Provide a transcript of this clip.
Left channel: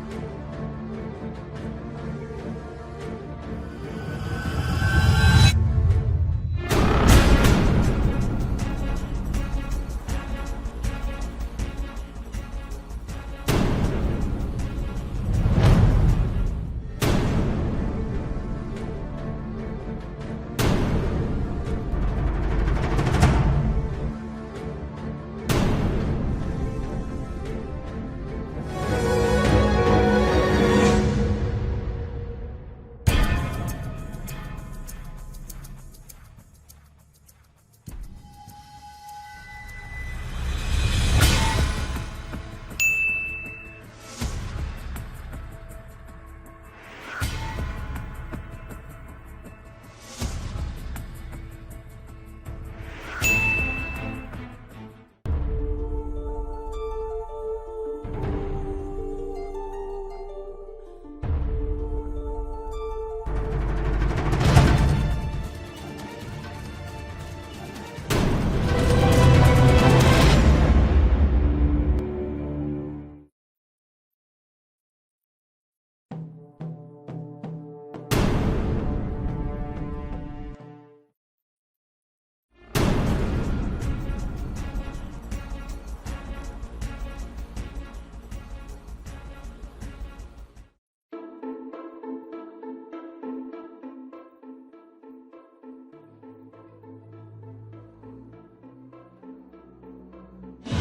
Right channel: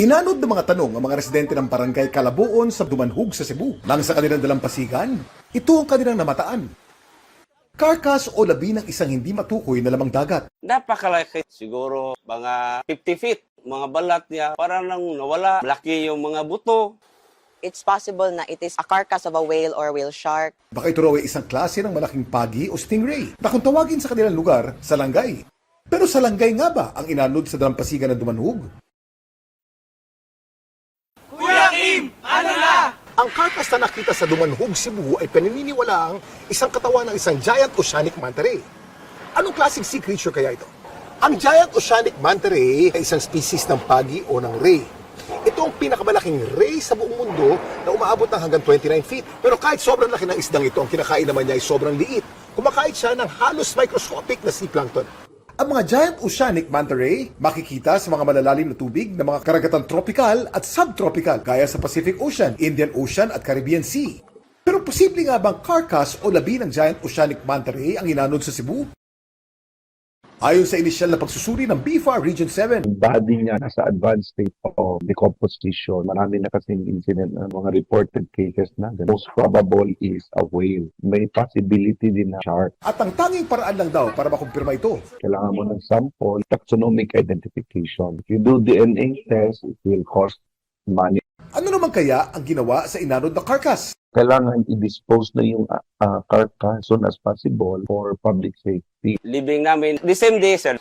Inanod ng mga tanong ang mga residente ng barangay Calabuon sa Dumanhog sa Cebu. Lang sa kanilang dalampasigan, ito ang kanilang namataan. Carcass o labi ng isang hindi matukoy na lamang dagat. Napakalapit siguro, mga 50 feet. Mga balat niya, parang nang nawala. Laki yung mga buto. It's possible na it is a carcass of a whale or whale shark. Baka ito raw ay isang klase ng malaking pagi o stingray na kung tawagin sa kanilang lugar, salangay. Pero salangay nga ba ang inanod sa dalampasigan ng Dumanhog? Ang carcass na nakita sa Dumanhog, Cebu ay pinaniniwalaang isang katawan ng isang giant oceanic manta ray. Anong klaseng sea creature kaya ito? Ang giant oceanic manta ray ay isang species ng pagi o ng ray. Ito ang pinakamalaking ray sa buong mundo na umaabot ng hanggang 29 feet. Pero kahit sobrang laki ng isdang ito, ang kinakain naman niya ay sobrang liit. Kumakain siya ng halos microscopic na sea plankton. Ang mga giant oceanic manta ray makikita sa mga malalalim na tubig ng mga karagatan tropical at subtropical gaya sa Pacific Ocean, Indian Ocean at Caribbean Sea. Pero posible nga bang carcass o labi ng giant oceanic manta ray ang inanod sa Cebu? Ayon sa inisyal na pagsusuri ng BIFA Region 7, Yung body niya nasa advanced state of decomposition. Marami na kasing incident ng mga reported cases na most probable is a whale. May possibility din na shark. at ang tanging paraan lang daw para makumpirma ito, Kailangan mo ng sample, taxonomic identification. If you do DNA test, it will cost money. ano naman kaya ang ginawa sa inanod na carcass? Kailangan i-dispose na yung carcass as soon as possible for public safety. Libing namin, the same day, sir,